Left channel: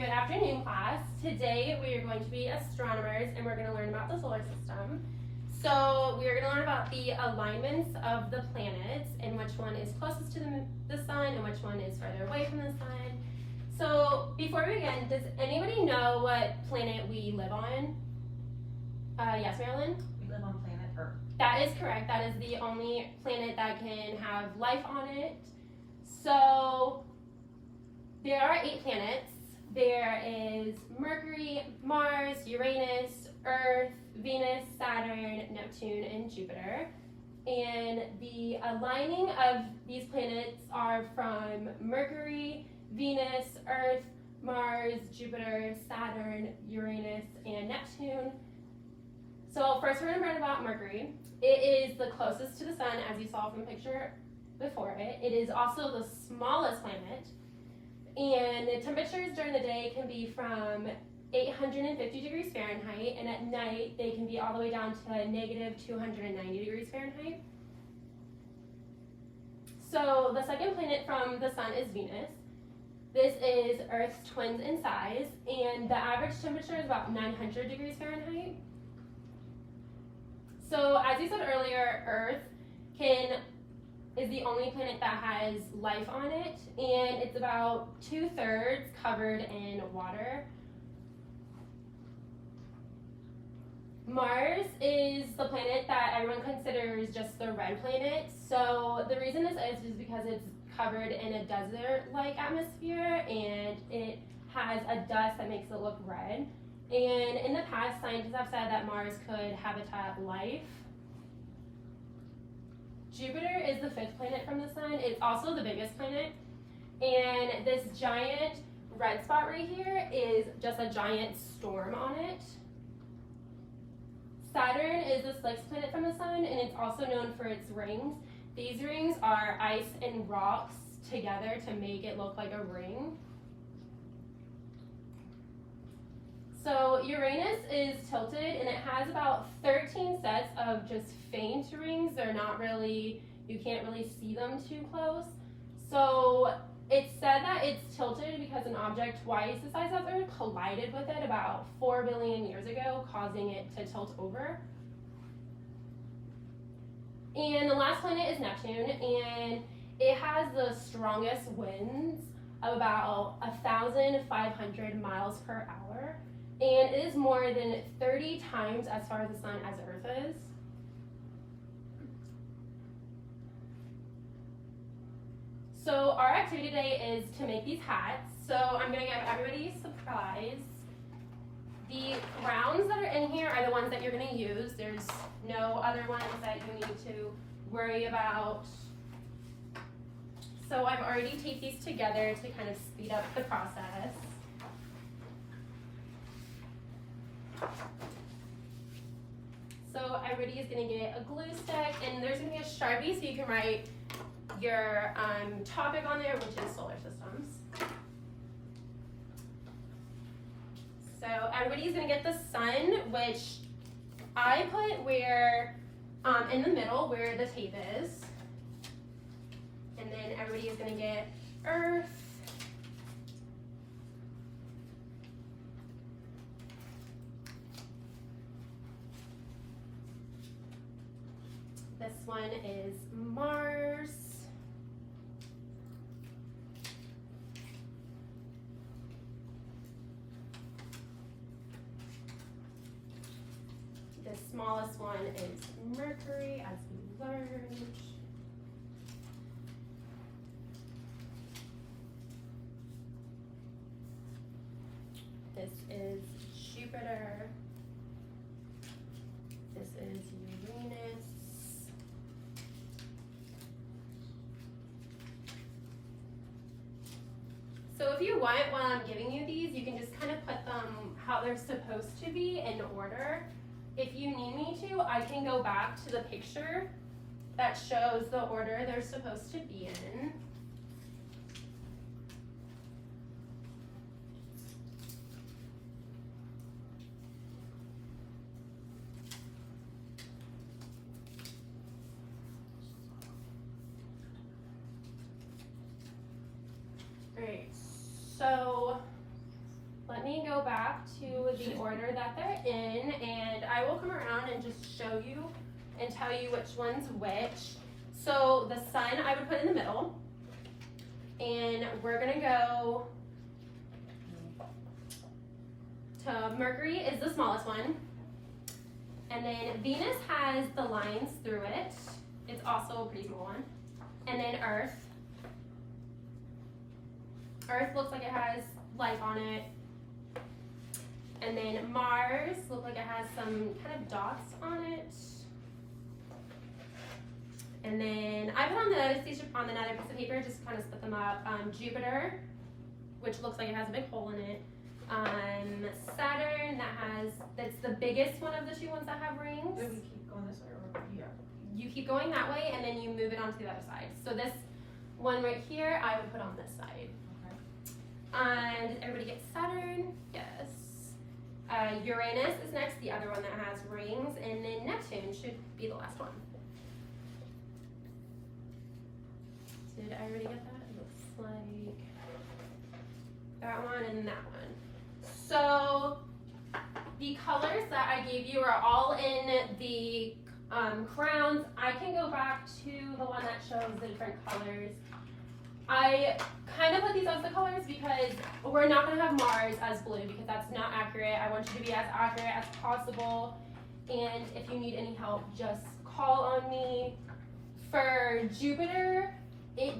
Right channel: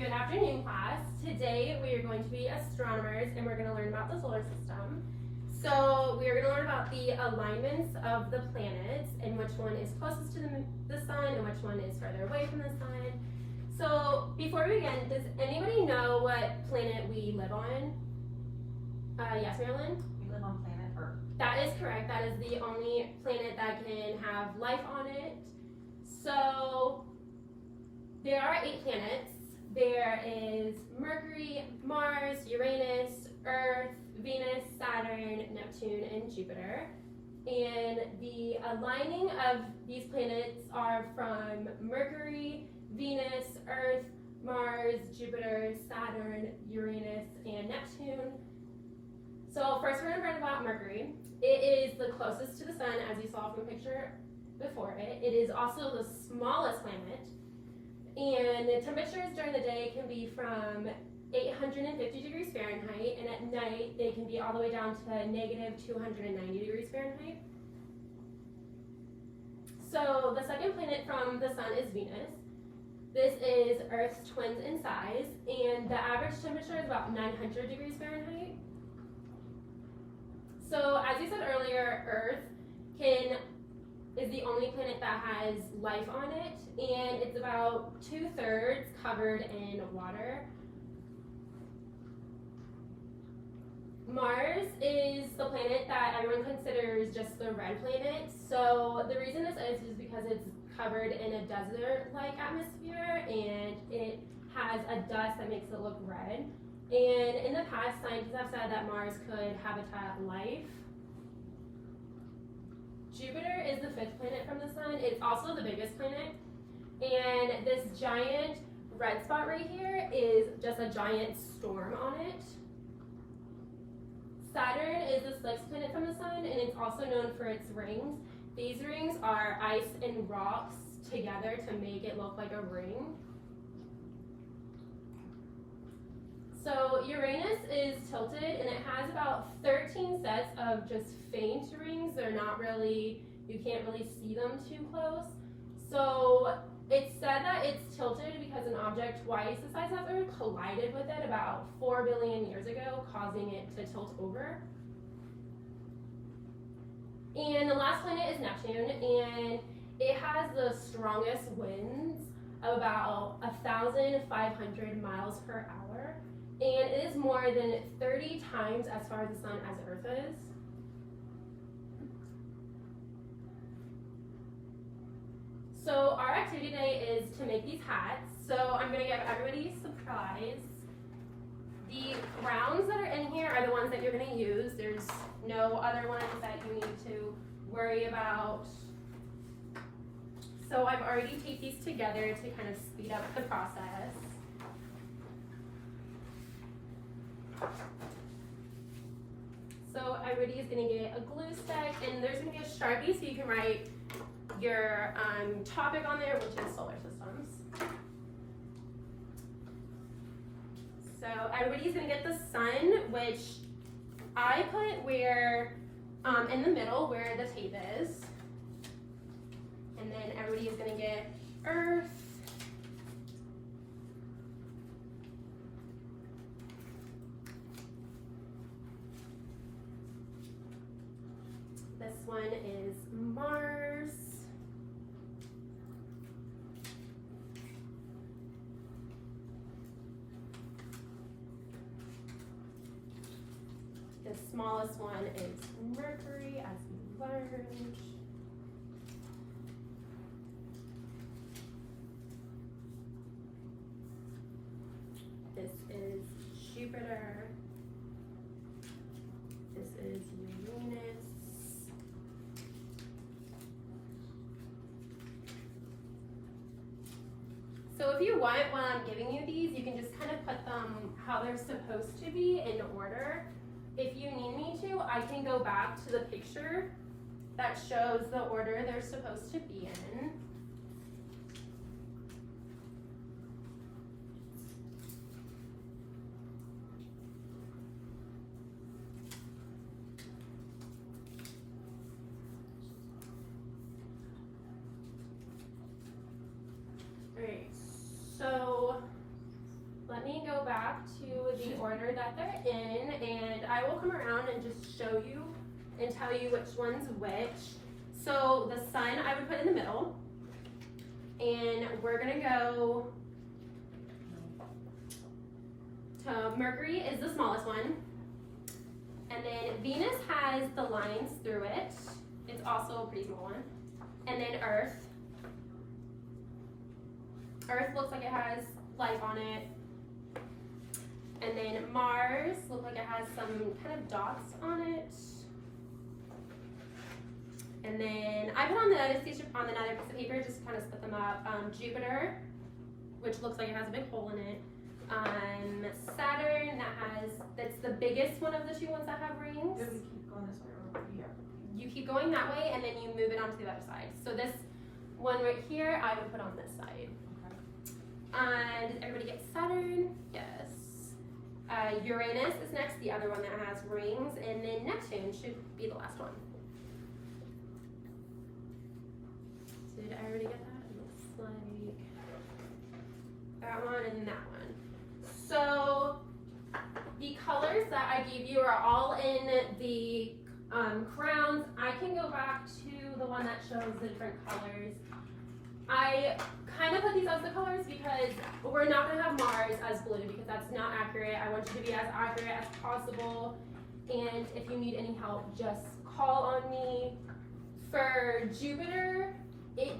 Good afternoon, class. Today we are going to be astronomers and we're going to learn about the solar system. So we are going to learn about the alignments of the planets and which one is closest to the sun and which one is further away from the sun. So before we begin, does anybody know what planet we live on? Yes, Marilyn? We live on planet Earth. That is correct. That is the only planet that can have life on it. So there are 8 planets. There is Mercury, Mars, Uranus, Earth, Venus, Saturn, Neptune, and Jupiter. And the aligning of these planets are from Mercury, Venus, Earth, Mars, Jupiter, Saturn, Uranus, and Neptune. So first we're going to learn about Mercury. It is the closest to the sun, as you saw from the picture before it. It is also the smallest planet. And the temperatures during the day can be from 850 degrees Fahrenheit, and at night they can be all the way down to negative 290 degrees Fahrenheit. So the second planet from the sun is Venus. This is Earth's twin in size, and the average temperature is about 900 degrees Fahrenheit. So as you said earlier, Earth is the only planet that has life on it, and it's about 2/3 covered in water. Mars is the planet that everyone considers just the red planet. So the reason this is because it's covered in a desert-like atmosphere, and it has a dust that makes it look red. And in the past, scientists have said that Mars could habitat life. Jupiter is the 5th planet from the sun. It's also the biggest planet. And this giant red spot right here is just a giant storm on it. Saturn is the 6th planet from the sun, and it's also known for its rings. These rings are ice and rocks together to make it look like a ring. So Uranus is tilted, and it has about 13 sets of just faint rings. They're not really, you can't really see them too close. So it's said that it's tilted because an object twice the size of Earth collided with it about 4 billion years ago, causing it to tilt over. And the last planet is Neptune, and it has the strongest winds of about 1,500 miles per hour. And it is more than 30 times as far as the sun as Earth is. So our activity today is to make these hats. So I'm going to give everybody a surprise. The rounds that are in here are the ones that you're going to use. There's no other ones that you need to worry about. So I've already taped these together to kind of speed up the process. So everybody is going to get a glue stick, and there's going to be a Sharpie so you can write your topic on there, which is solar systems. So everybody's going to get the sun, which I put where in the middle where the tape is. And then everybody is going to get Earth. This one is Mars. The smallest one is Mercury, as we learned. This is Jupiter. This is Uranus. So if you want, while I'm giving you these, you can just kind of put them how they're supposed to be in order. If you need me to, I can go back to the picture that shows the order they're supposed to be in. All right, so let me go back to the order that they're in, and I will come around and just show you and tell you which one's which. So the sun I would put in the middle, and we're gonna go to Mercury is the smallest one, and then Venus has the lines through it. It's also a pretty small one, and then Earth. Earth looks like it has life on it. And then Mars looks like it has some kind of dots on it. And then I put on another piece of paper just to kind of split them up. Jupiter, which looks like it has a big hole in it. Saturn, that's the biggest one of the two ones that have rings. Do we keep going this way or here? You keep going that way, and then you move it onto the other side. So this one right here, I would put on this side. Did everybody get Saturn? Yes. Uranus is next, the other one that has rings, and then Neptune should be the last one. So did I already get that? It looks like that one and that one. So the colors that I gave you are all in the crowns. I can go back to the one that shows the different colors. I kind of put these as the colors because we're not going to have Mars as blue because that's not accurate. I want you to be as accurate as possible. And if you need any help, just call on me. For Jupiter, it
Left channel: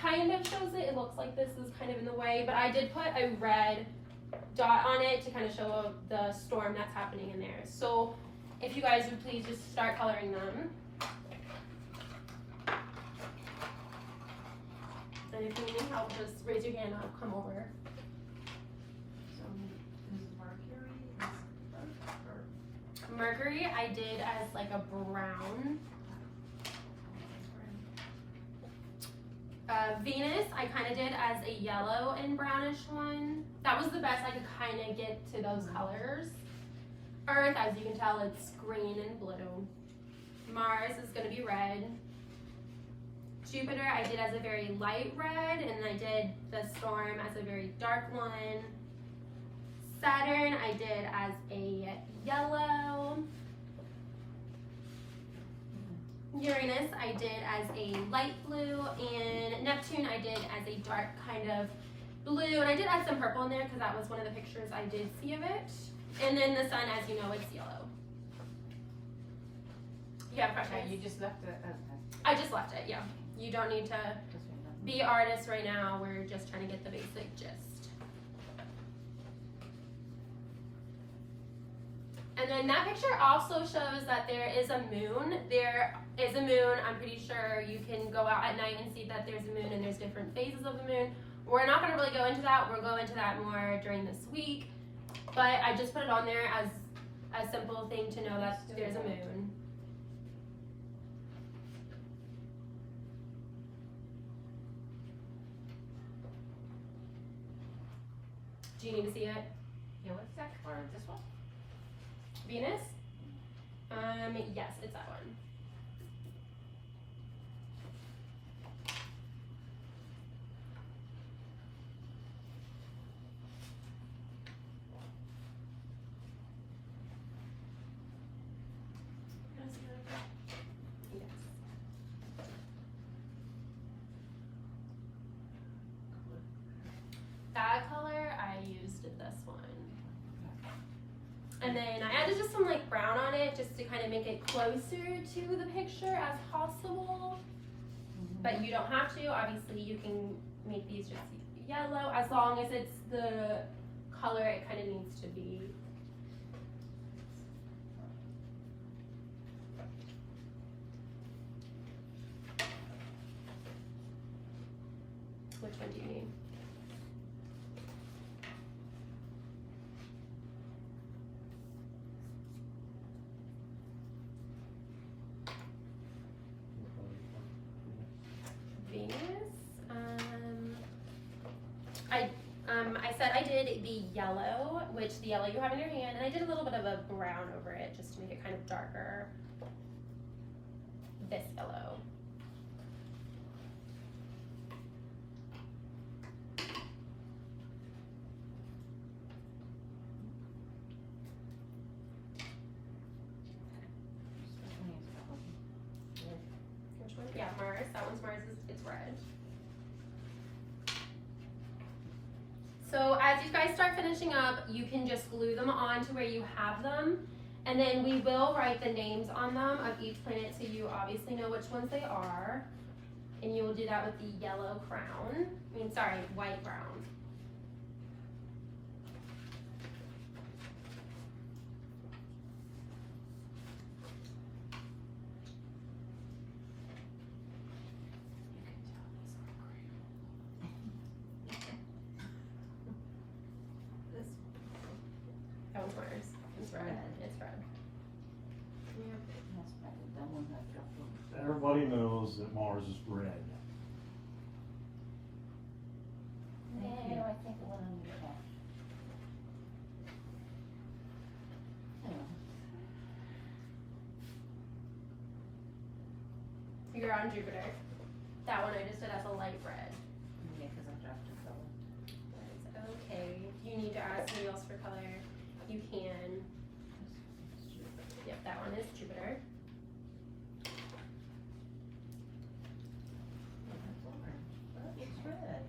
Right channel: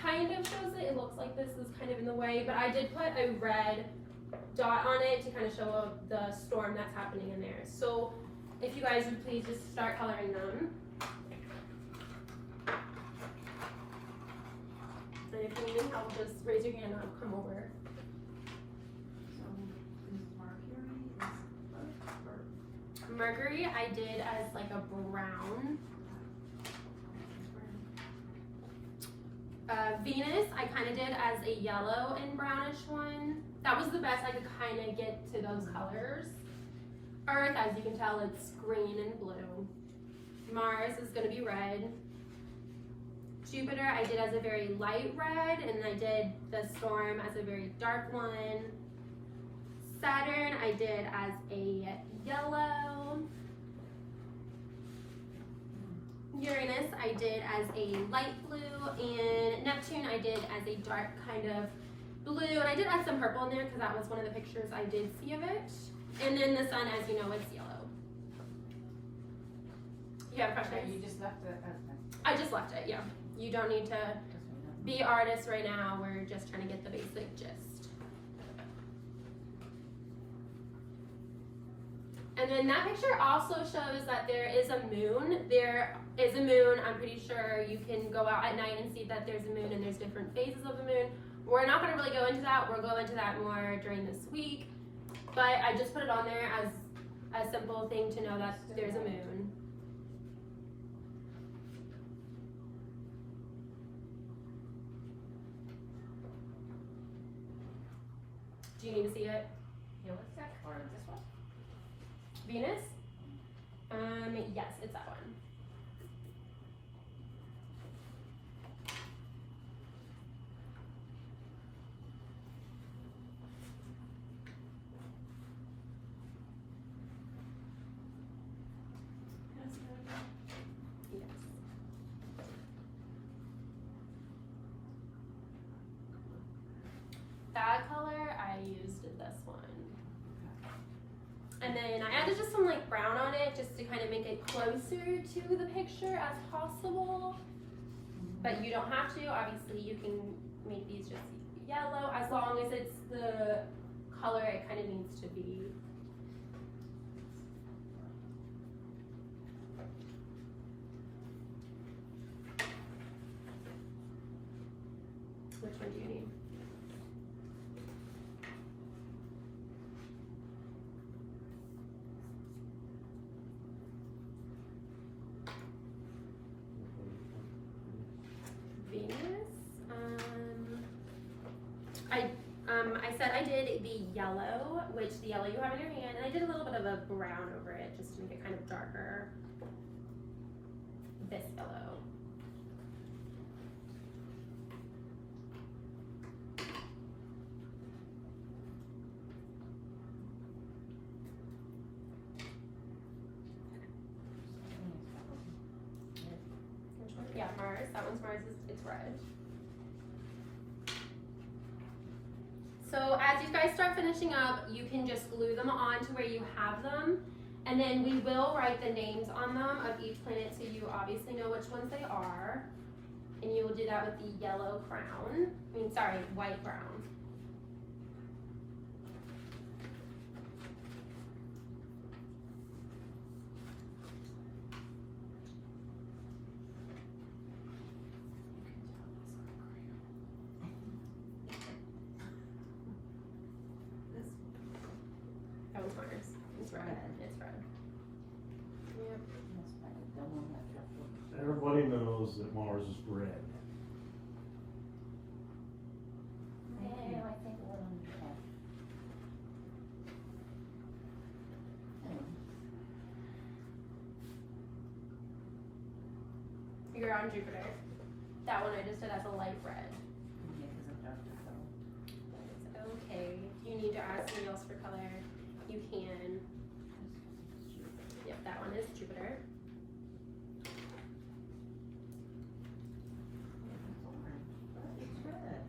kind of shows it. It looks like this is kind of in the way, but I did put a red dot on it to kind of show the storm that's happening in there. So if you guys would please just start coloring them. And if you need help, just raise your hand and I'll come over. So this is Mercury, this is Mercury, I did as like a brown. Venus, I kind of did as a yellow and brownish one. That was the best I could kind of get to those colors. Earth, as you can tell, it's green and blue. Mars is going to be red. Jupiter, I did as a very light red, and I did the storm as a very dark one. Saturn, I did as a yellow. Uranus, I did as a light blue, and Neptune, I did as a dark kind of blue, and I did add some purple in there because that was one of the pictures I did see of it. And then the sun, as you know, it's yellow. You have a question? Okay, you just left it as I just left it, yeah. You don't need to be artists right now. We're just trying to get the basic gist. And then that picture also shows that there is a moon. There is a moon. I'm pretty sure you can go out at night and see that there's a moon and there's different phases of the moon. We're not going to really go into that. We'll go into that more during this week. But I just put it on there as a simple thing to know that there's a moon. Do you need to see it? Yeah, what's that color? This one? Venus? Yes, it's that one. Yes. That color, I used this one. And then I added just some like brown on it just to kind of make it closer to the picture as possible. But you don't have to. Obviously, you can make these just yellow as long as it's the color it kind of needs to be. Which one do you need? Venus. I said I did the yellow, which the yellow you have in your hand, and I did a little bit of a brown over it just to make it kind of darker. This yellow. Yeah, Mars. That one's Mars. It's red. So as you guys start finishing up, you can just glue them on to where you have them. And then we will write the names on them of each planet so you obviously know which ones they are. And you will do that with the yellow crown. White crown. That one's Mars. It's red. It's red. Yep. That's probably the one that dropped one. Everybody knows that Mars is red. Yeah, I think it went on your head. You're on Jupiter. That one I just did as a light red. Yeah, because I dropped a color. That's okay. If you need to add something else for color, you can. Yep, that one is Jupiter. It's orange, but it's red.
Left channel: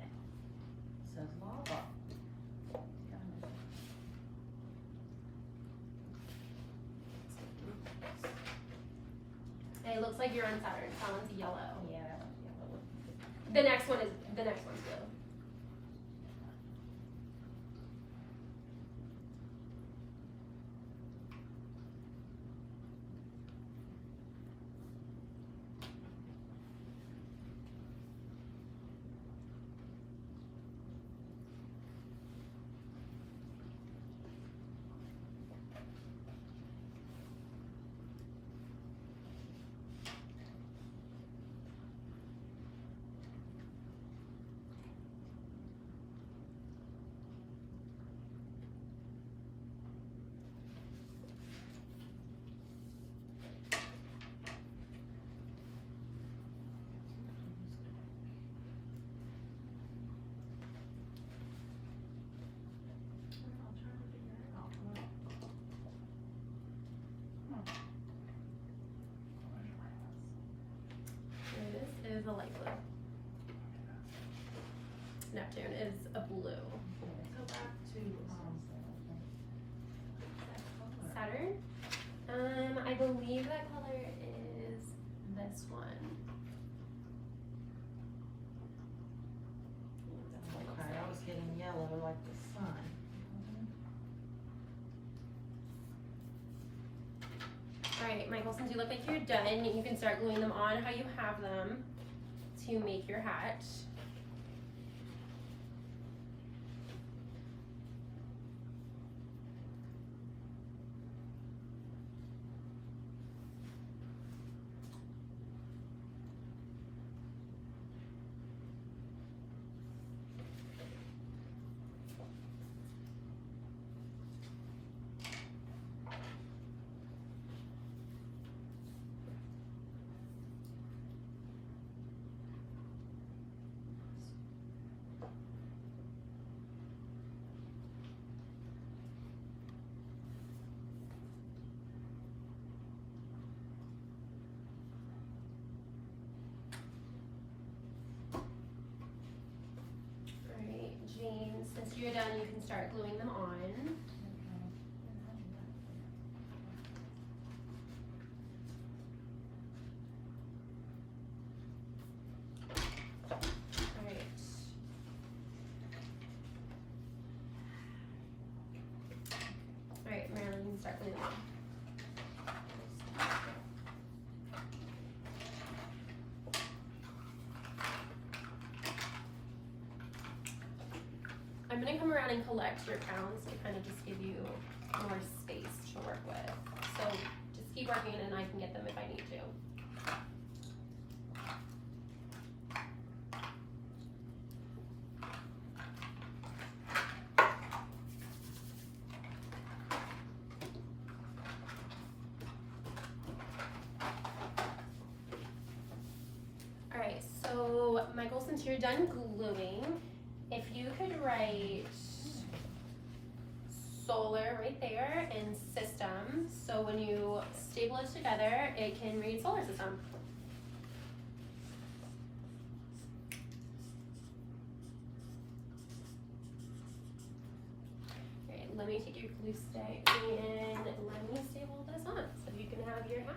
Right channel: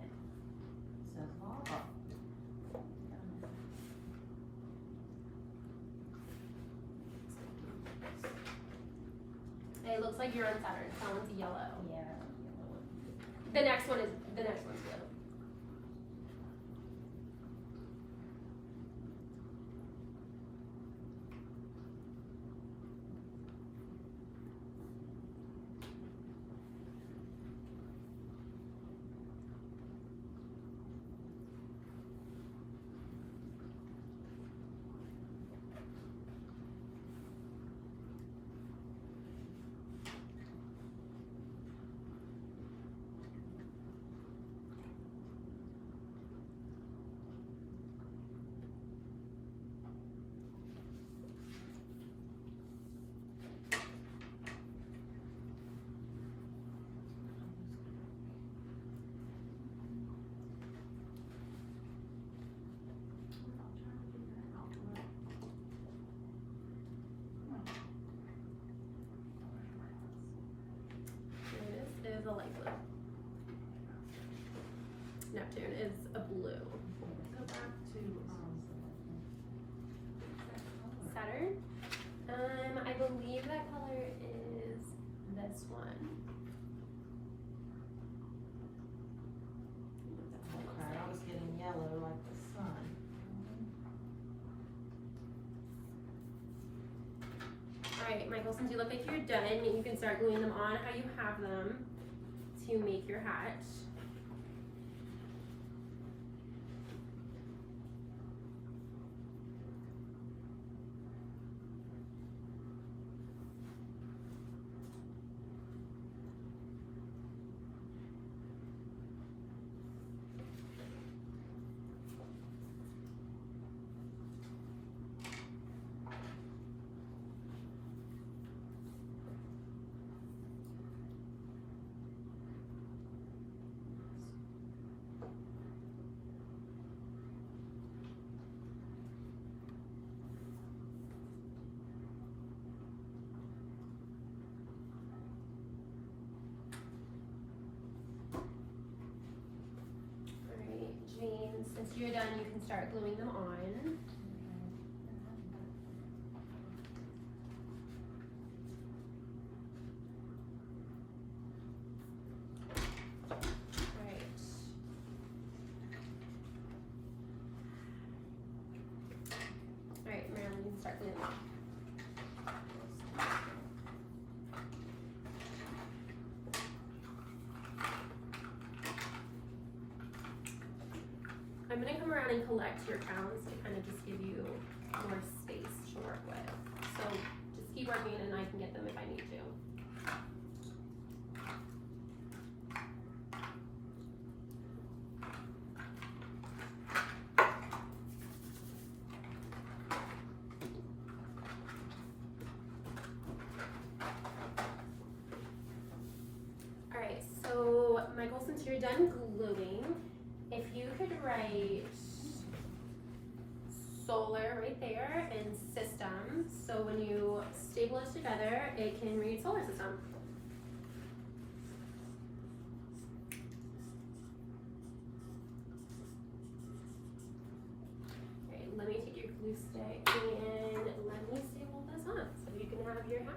It says lava. It looks like you're on Saturn. That one's yellow. Yeah, that one's yellow. The next one's blue. I'm trying to figure it out. This is a light blue. Neptune is a blue. Go back to, Saturn. I believe that color is this one. okay, I was getting yellow like the sun. Alright, Michael, since you look like you're done, you can start gluing them on how you have them to make your hat. Since you're done, you can start gluing them on. Alright. Alright, Marilyn, you can start gluing them on. I'm going to come around and collect your crowns to kind of just give you more space to work with. So just keep working and I can get them if I need to. Alright, so Michael, since you're done gluing, if you could write solar right there and system, so when you staple it together, it can read solar system. your glue stick and let me staple this on so you can have your hat.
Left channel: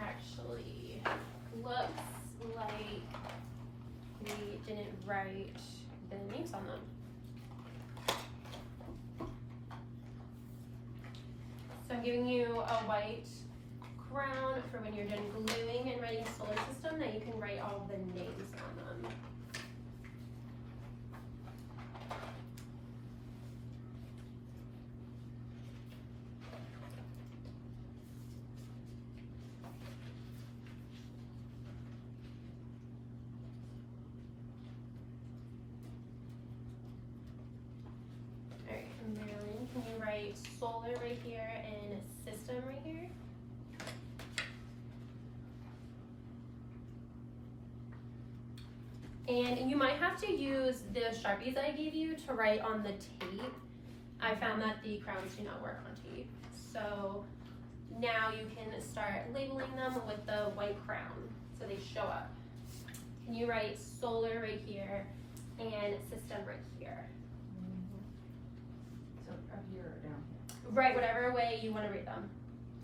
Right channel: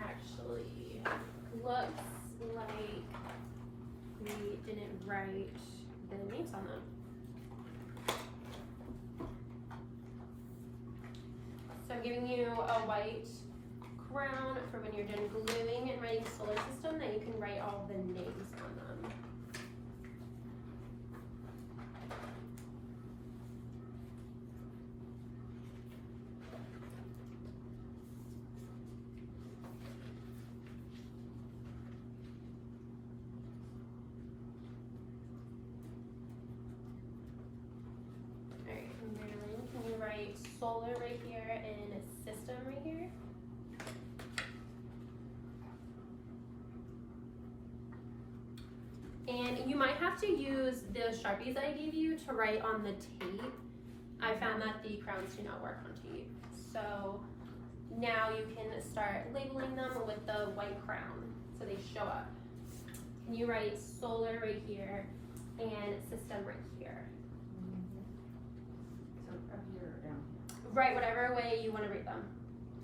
Actually, looks like we didn't write the names on them. So I'm giving you a white crown for when you're done gluing and writing solar system, that you can write all the names on them. Alright, Marilyn, can you write solar right here and system right here? And you might have to use the Sharpies I gave you to write on the tape. I found that the crowns do not work on tape. So now you can start labeling them with the white crown so they show up. Can you write solar right here and system right here? So up here or down here? Write whatever way you want to read them.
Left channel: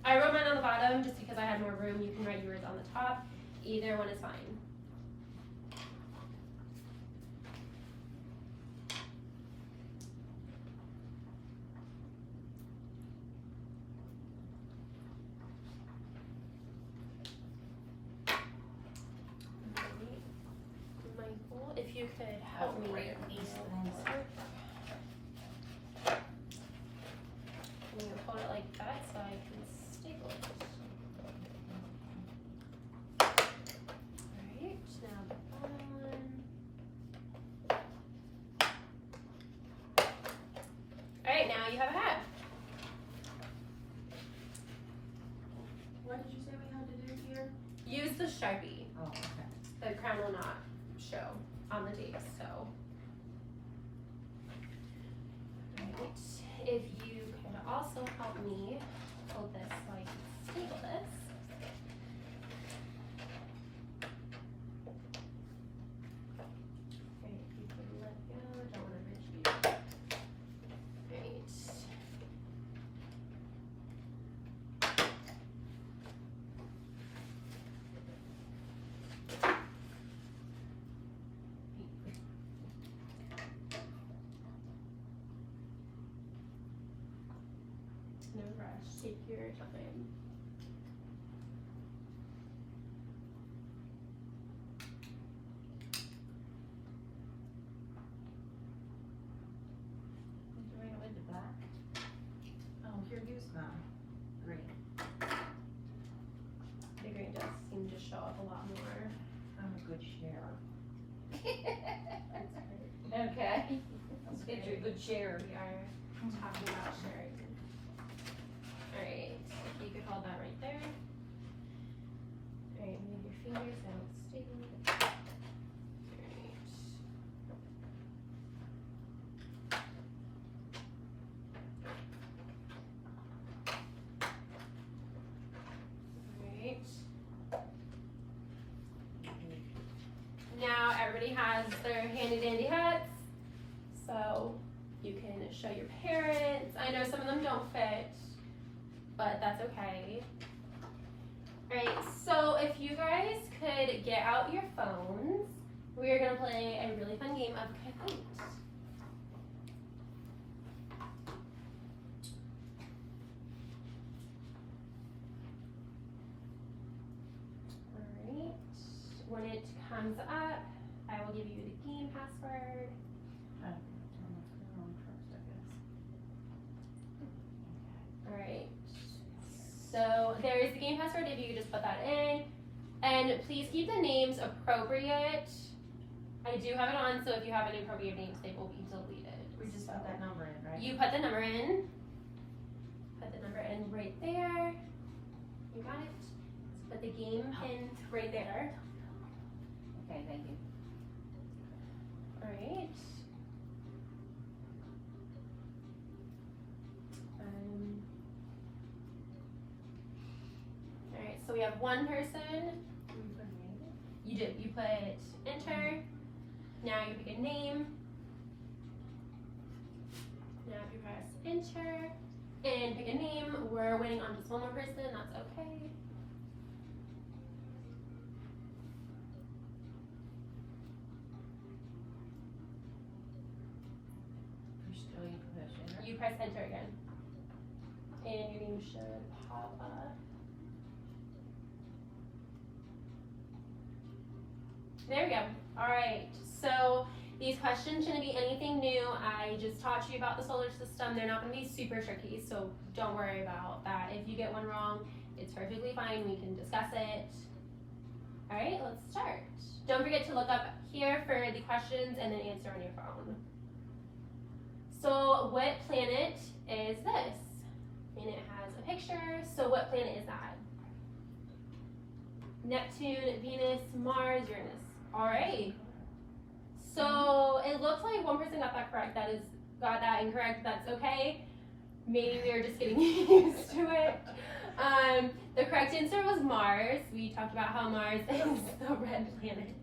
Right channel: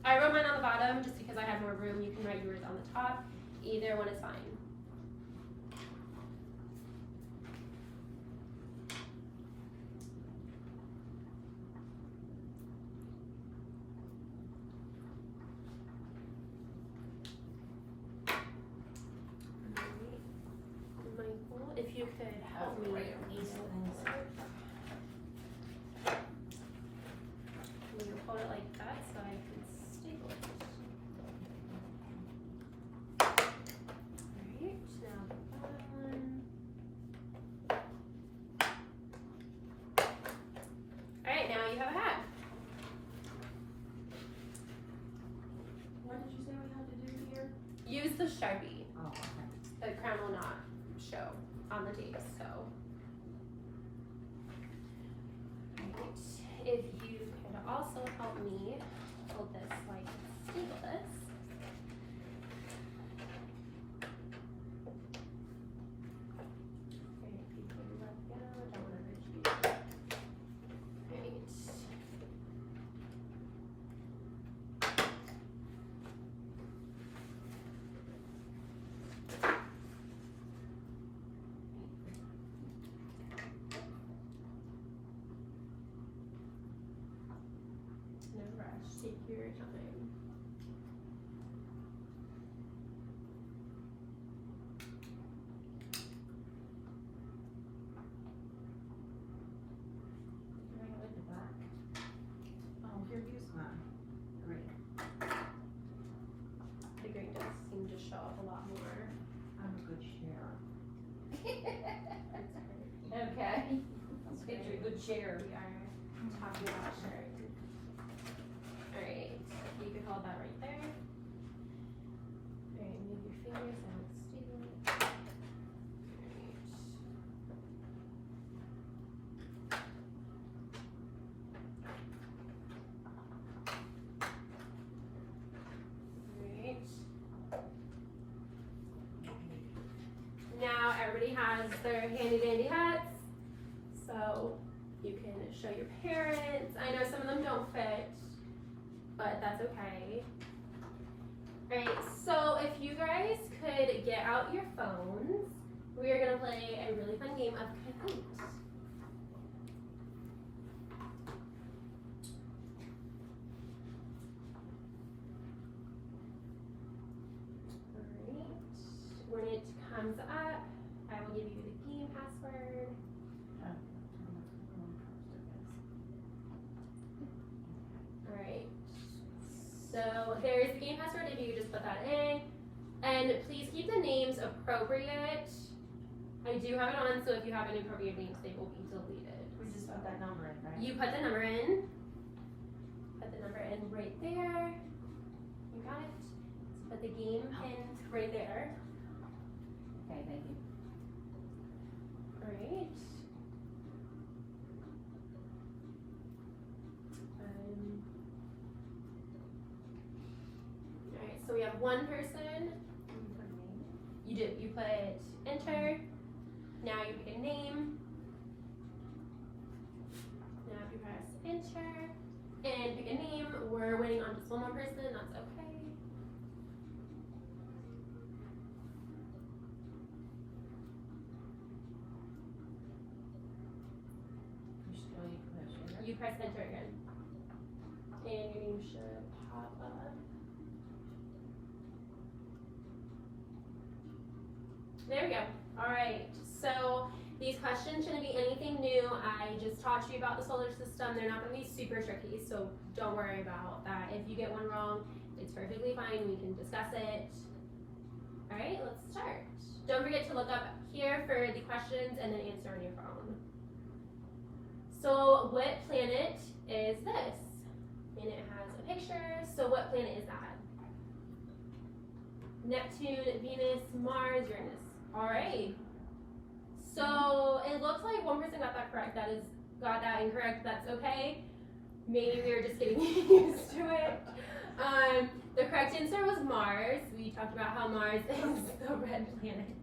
I wrote mine on the bottom just because I had more room. You can write yours on the top. Either one is fine. Michael, if you could help me. Right, these things. I'm gonna hold it like that so I can staple it. Alright, now the bottom one. Alright, now you have a hat. What did you say we had to do here? Use the Sharpie. Oh, okay. The crown will not show on the tape, so. Alright, if you could also help me hold this so I can staple this. Alright, if you can let go, I don't want to hurt you. Alright. No rush, take your time. Doing it with the black? Oh, here, use mine. Green. The green does seem to show up a lot more. I'm a good sharer. That's great. Okay. Let's get you a good share. We are talking about sharing. Alright, you could hold that right there. Alright, move your fingers so I don't staple it. Alright. Alright. Now everybody has their handy dandy hats. So you can show your parents. I know some of them don't fit, but that's okay. Alright, so if you guys could get out your phones, we are gonna play a really fun game of Kahoot. Alright, when it comes up, I will give you the game password. Turn my clear on first, I guess. Alright, so there is the game password if you could just put that in. And please keep the names appropriate. I do have it on, so if you have inappropriate names, they will be deleted. We just So put that number in, right? you put the number in. Put the number in right there. You got it. So put the game pin right there. Okay, thank you. Alright. Alright, so we have one person. Can we put a name in? You do. You put enter. Now you pick a name. Now if you press enter and pick a name, we're waiting on just one more person, that's okay. You still, you can push enter. You press enter again. And your name should pop up. There we go. Alright, so these questions shouldn't be anything new. I just taught you about the solar system. They're not going to be super tricky, so don't worry about that. If you get one wrong, it's perfectly fine. We can discuss it. Alright, let's start. Don't forget to look up here for the questions and then answer on your phone. So what planet is this? And it has a picture. So what planet is that? Neptune, Venus, Mars, Uranus. Alright. So it looks like one person got that correct. Got that incorrect. That's okay. Maybe we were just getting used to it. The correct answer was Mars. We talked about how Mars is the red planet.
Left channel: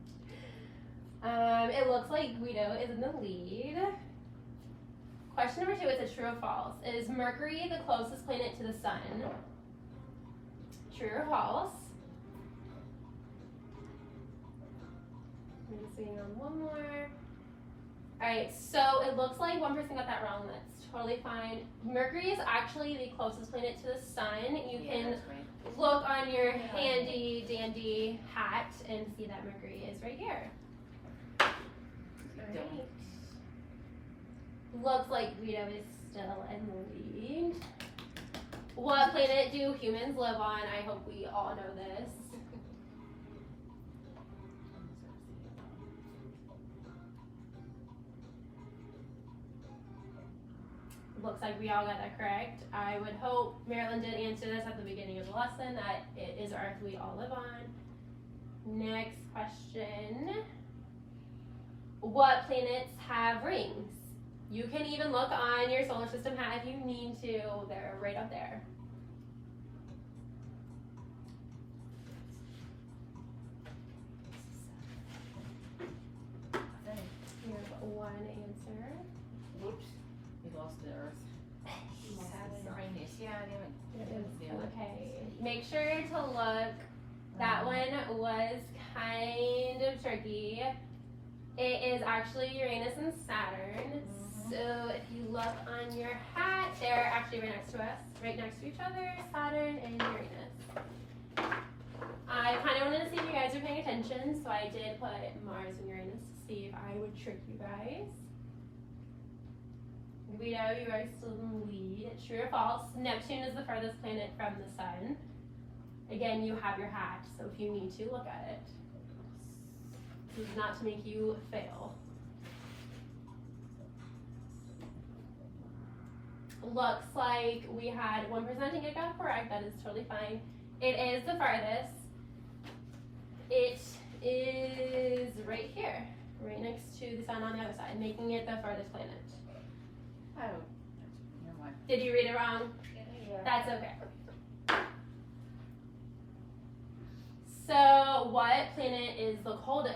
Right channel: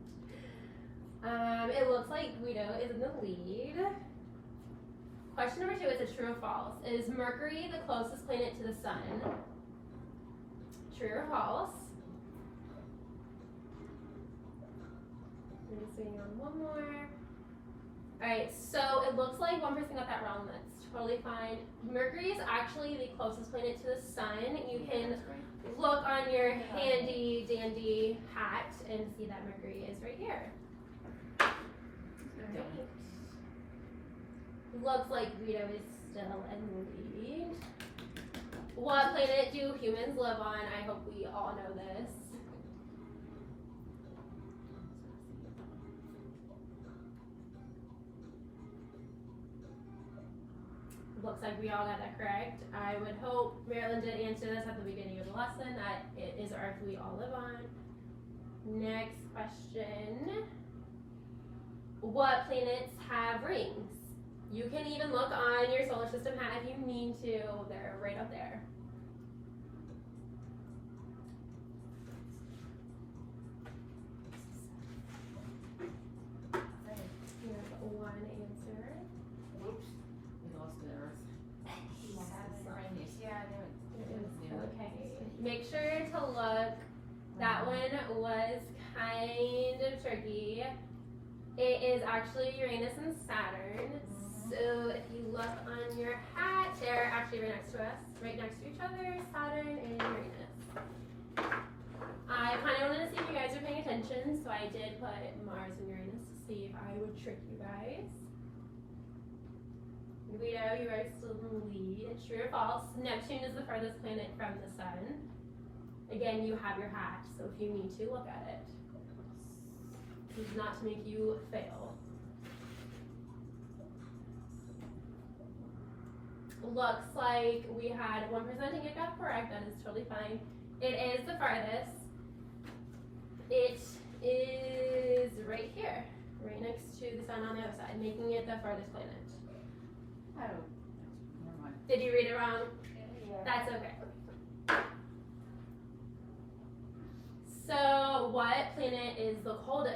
It looks like Guido is in the lead. Question number 2 is a true or false. Is Mercury the closest planet to the sun? True or false? I'm just waiting on one more. Alright, so it looks like one person got that wrong. That's totally fine. Mercury is actually the closest planet to the sun. You can look on your handy dandy hat and see that Mercury is right here. Alright. Looks like Guido is still in the lead. What planet do humans live on? I hope we all know this. Looks like we all got that correct. I would hope Marilyn did answer this at the beginning of the lesson, that it is Earth we all live on. Next question. What planets have rings? You can even look on your solar system hat if you need to. They're right up there. You have one answer. Whoops, we lost the Earth. Okay. Make sure to look. That one was kind of tricky. It is actually Uranus and Saturn. So if you look on your hat, they're actually right next to us, right next to each other, Saturn and Uranus. I kind of wanted to see if you guys are paying attention, so I did put Mars and Uranus to see if I would trick you guys. Guido, you are still in the lead. True or false? Neptune is the furthest planet from the sun. Again, you have your hat, so if you need to, look at it. This is not to make you fail. Looks like we had one person think it got correct. That is totally fine. It is the farthest. It is right here, right next to the sun on the other side, making it the farthest planet. Oh, never mind. Did you read it wrong? Yeah. That's okay. So, what planet is the coldest?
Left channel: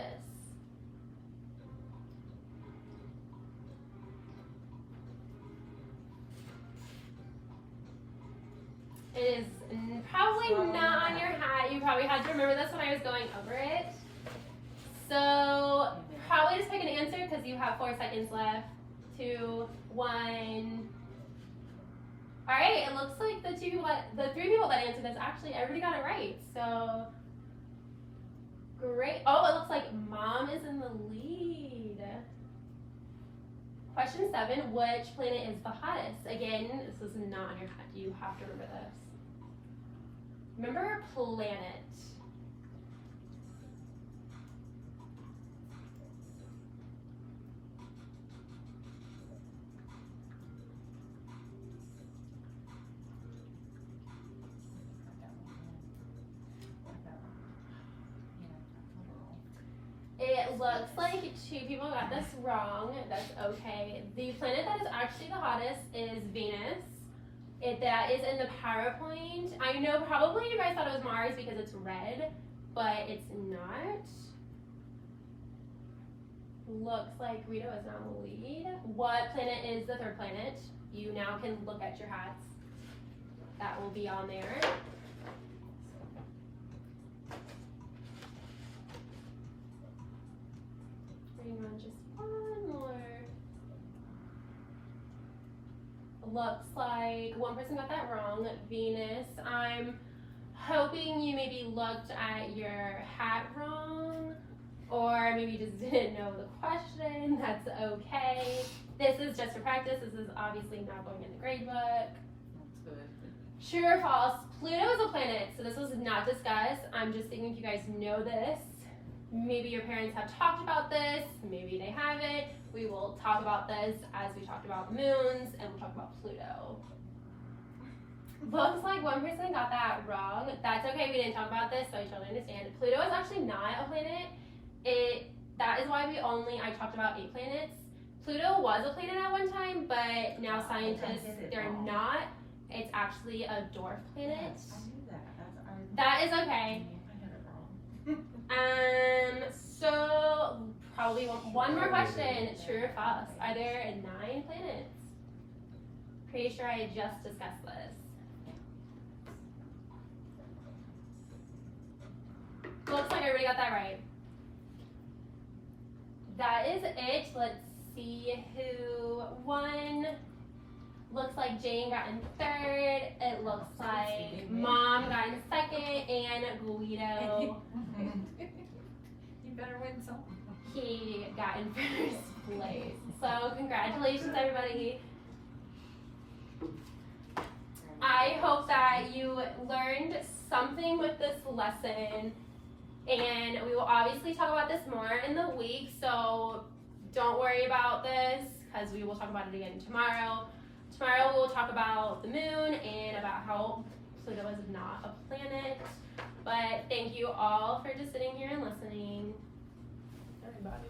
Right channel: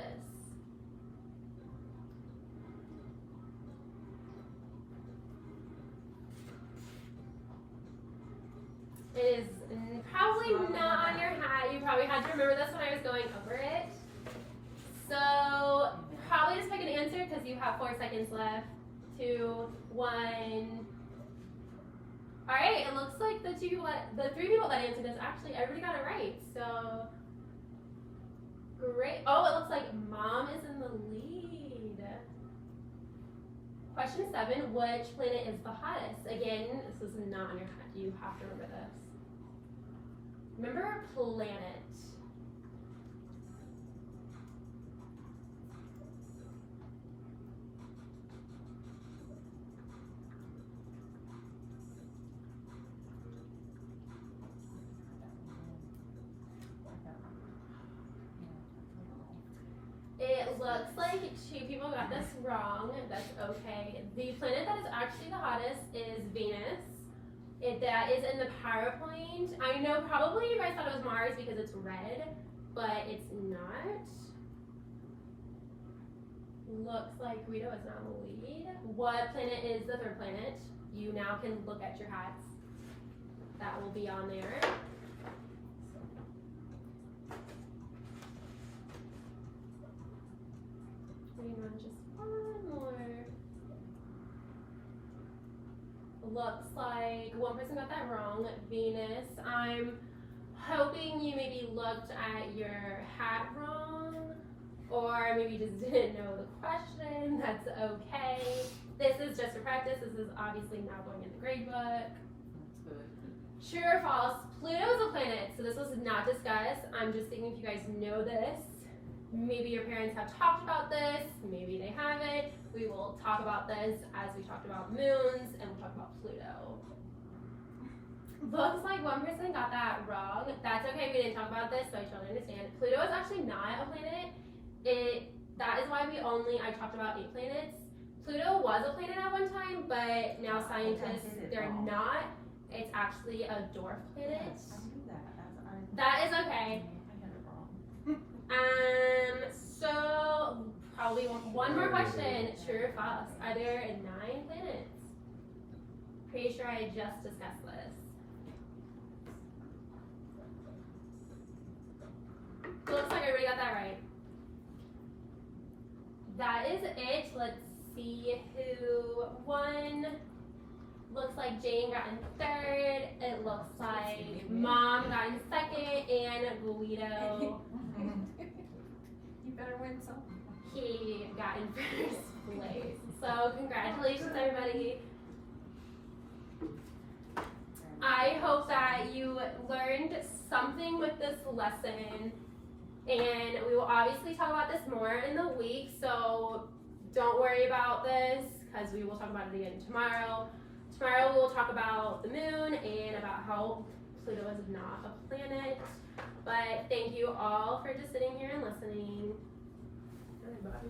It is probably not on your hat. You probably had to remember this when I was going over it. So, probably just pick an answer because you have 4 seconds left. 2, 1. All right, it looks like the 3 people that answered this, actually everybody got it right. So, great. Oh, it looks like Mom is in the lead. Question 7, which planet is the hottest? Again, this is not on your hat. You have to remember this. Remember planet. It looks like 2 people got this wrong. That's okay. The planet that is actually the hottest is Venus. That is in the PowerPoint. I know probably you guys thought it was Mars because it's red, but it's not. Looks like Guido is not in the lead. What planet is the 3rd planet? You now can look at your hats. That will be on there. Bring on just one more. Looks like one person got that wrong. Venus. I'm hoping you maybe looked at your hat wrong, or maybe just didn't know the question. That's okay. This is just for practice. This is obviously not going in the grade book. That's good. True or false? Pluto is a planet, so this was not discussed. I'm just thinking if you guys know this. Maybe your parents have talked about this, maybe they haven't. We will talk about this as we talked about moons, and we'll talk about Pluto. Looks like one person got that wrong. That's okay, we didn't talk about this, so I totally understand. Pluto is actually not a planet. That is why I talked about 8 planets. Pluto was a planet at one time, but now scientists, they're not. It's actually a dwarf planet. Yes, I knew that. That is okay. I got it wrong. So probably one more question. True or false? Are there 9 planets? Pretty sure I just discussed this. Looks like everybody got that right. That is it. Let's see who won. Looks like Jane got in 3rd. It looks like Mom got in 2nd, and Guido, You better win some. he got in 1st place. So congratulations, everybody. I hope that you learned something with this lesson, and we will obviously talk about this more in the week, so don't worry about this because we will talk about it again tomorrow. Tomorrow we will talk about the moon and about how Pluto is not a planet. But thank you all for just sitting here and listening. Everybody.